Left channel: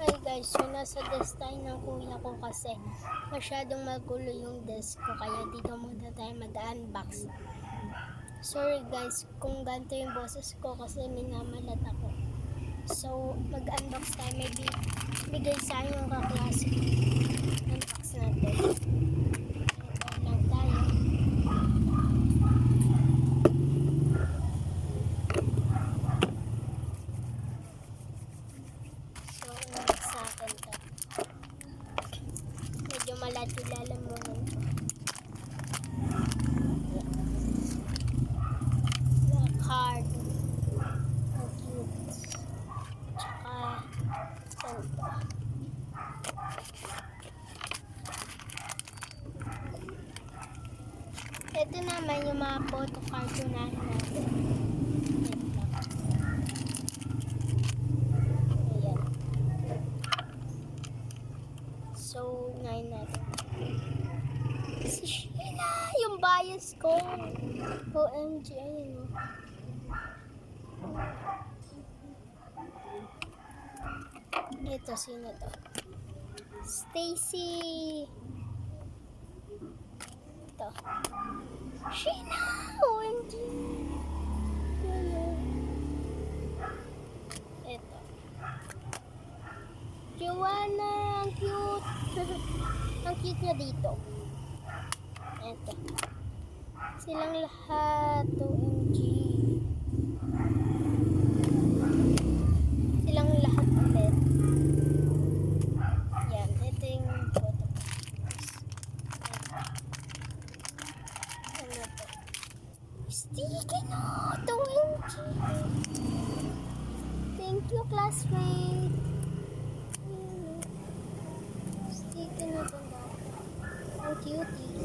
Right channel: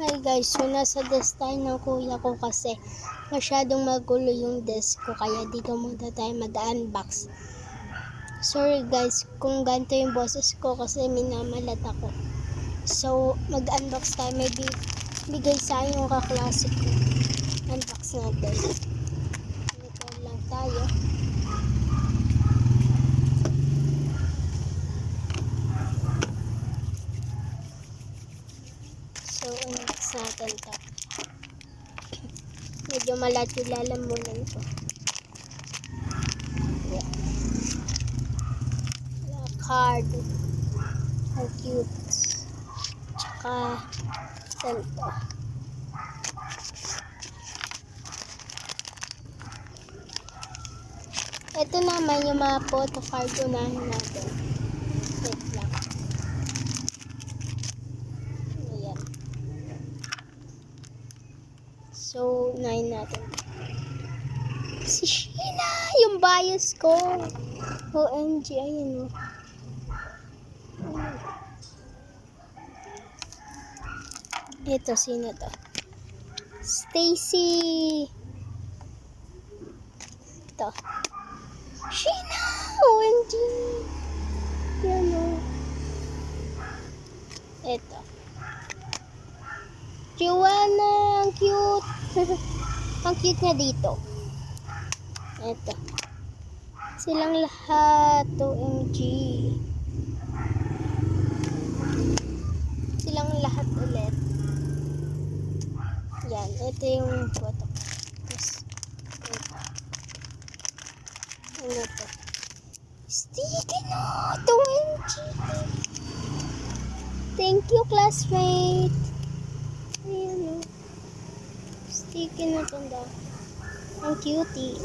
Hi guys, so nasa desk tayo ng kuya ko kasi masyadong magulo yung desk ko kaya dito muna tayo mag-unbox. Sorry guys kung ganito yung boses ko kasi minamalat ako. So mag-unbox tayo, may bigay sa akin yung kaklase ko. Unbox natin. Dito lang tayo. So unbox natin to. Medyo malat yung lalamunan ko. Card. Ang cute. Tsaka, saan to? Ito naman yung mga photo card unahin natin. Wait lang. Ayan. So, unahin natin. Si Sheila! Yung bias ko! OMG, ayun o. Ito, sino to? Stacy! Ito. Sheila! OMG! Yan o. Ito. Joanna! Ang cute! Ang cute niya dito. Ito. Silang lahat. OMG. Silang lahat ulit. Yan. Ito yung photo. Ano to? Sticky note! OMG! Thank you, classmate! Ayan o. Sticky note ang dami. Ang cutie.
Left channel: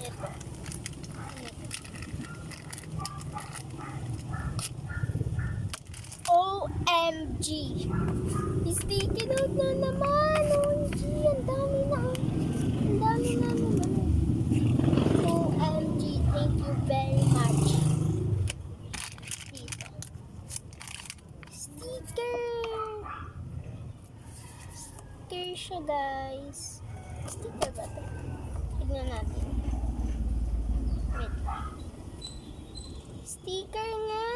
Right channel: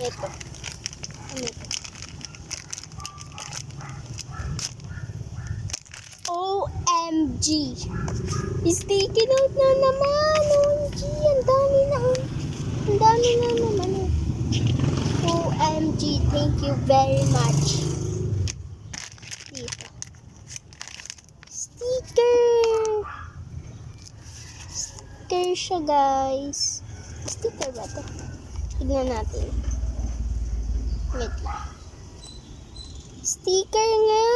Ito. Ano ito? OMG! Sticky note na naman! OMG! Ang dami na! Ang dami na naman! OMG! Thank you very much! Dito. Sticker! Sticker siya, guys. Sticker ba ito? Tignan natin. Wait lang. Sticker nga!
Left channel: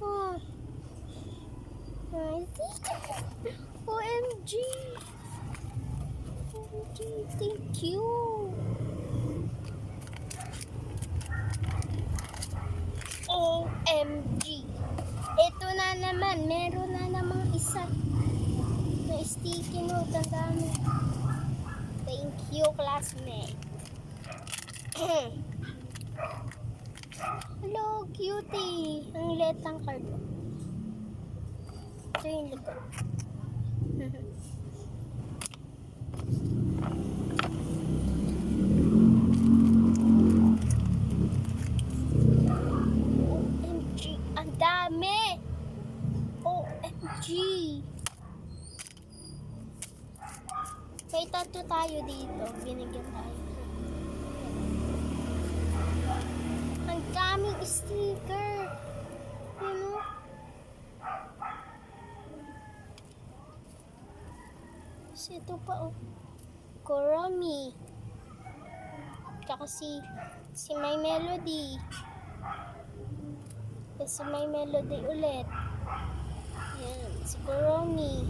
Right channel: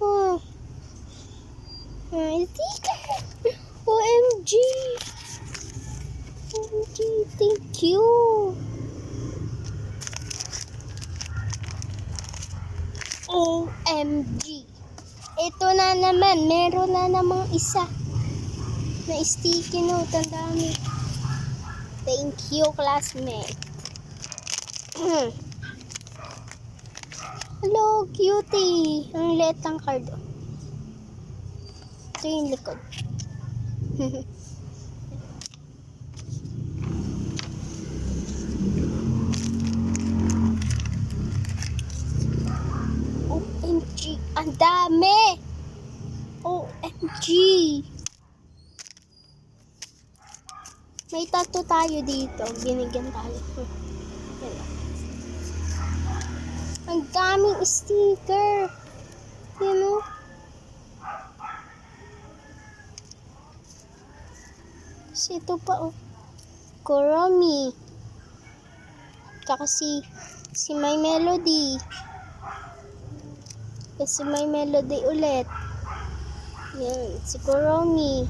Oh. Sticker! OMG! OMG! Thank you! OMG! Ito na naman. Meron na namang isa na sticky note. Ang dami. Thank you, classmate. Hello, cutie. Ang liit ang card. Ito yung likod. OMG. Ang dami. OMG. May tattoo tayo dito. Binigyan tayo. Ang daming sticker. You know? Ito pa oh. Kuromi. Tsaka si My Melody. Kasi My Melody ulit. Yan. Si Kuromi.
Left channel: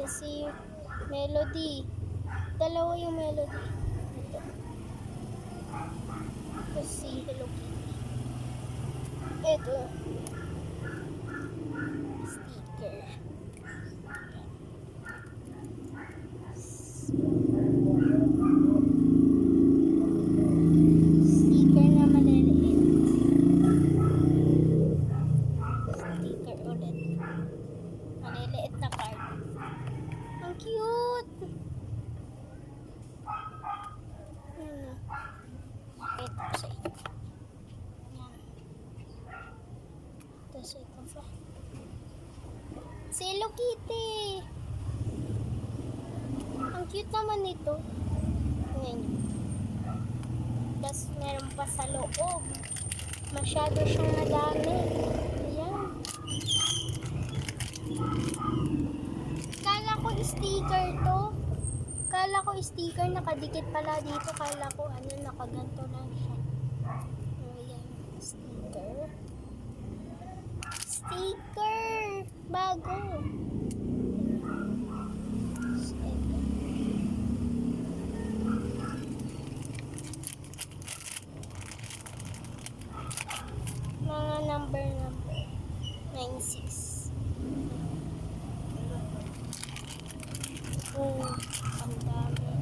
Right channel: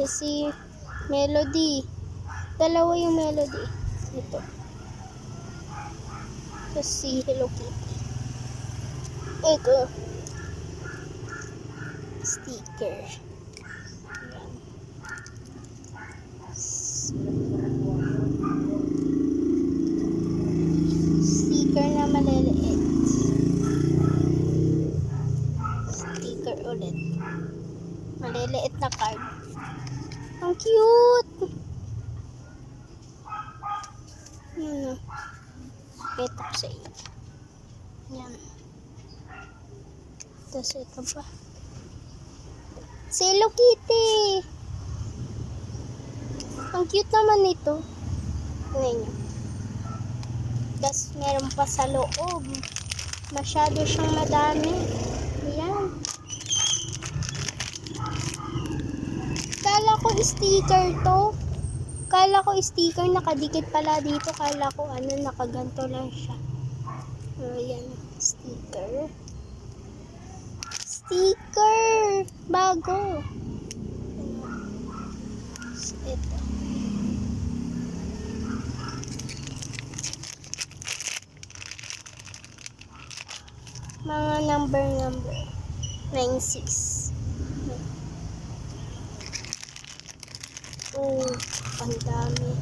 Kasi Melody. Dalawa yung Melody. Ito. Kasi Hello Kitty. Ito. Sticker. Sticker na maliliit. Sticker ulit. Maliliit na card. Ang cute! Yan o. Ito sa inyo. Yan. Tapos ito pa. Si Hello Kitty! Ang cute naman nito. Tingnan nyo. Tapos meron pa sa loob. Masyado siyang madami. Ayan. sticker to. Kala ko sticker, nakadikit pala dito. Kala ko ano, nakaganto lang siya. Ayan, sticker. Sticker! Bago. Ito. Mga number. 96. Oh, ang dami.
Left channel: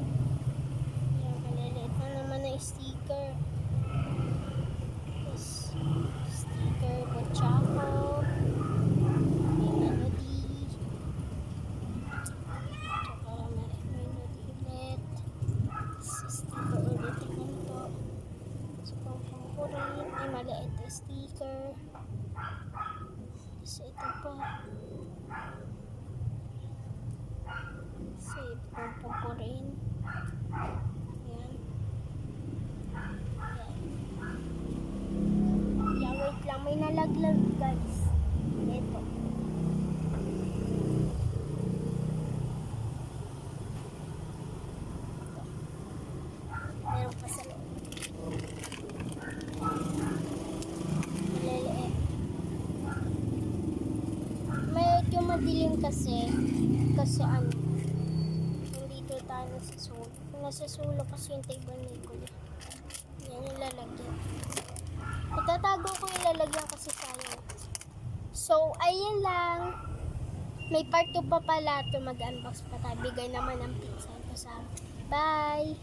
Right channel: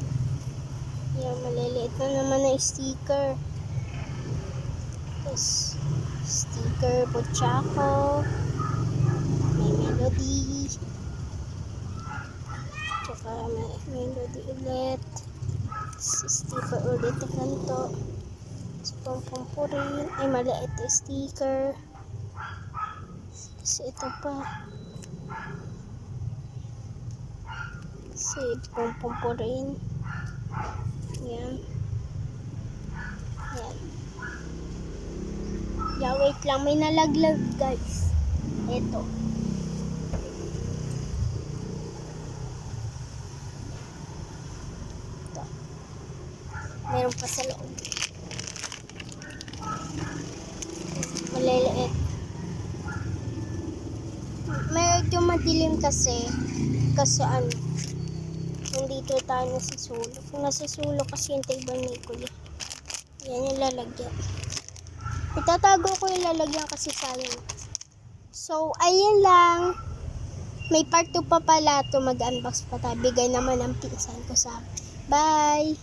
Yan, maliliit na naman na sticker. Tapos, sticker Pochako. May melody. Tsaka may melody ulit. Sticker ulit na kanto. Sa pampurin. Ay, maliit na sticker. Tapos, ito pa. Sa pampurin. Yan. Yan. Yeah, wait lang. May nalaglag, guys. Ito. Ito. Meron pa sa loob. Maliliit. Medyo madilim kasi. Kasi ano, nandito tayo nasa sulo. Kung nasa sulo kasi yung table may kulit. Yan yung lalagyan. Itatago ko yung lalagyan kasi sayang. So, ayun lang. May part 2 pa pala ito. Mag-unbox pa tayo. Bigay naman ang pinsan ko sa akin. Bye!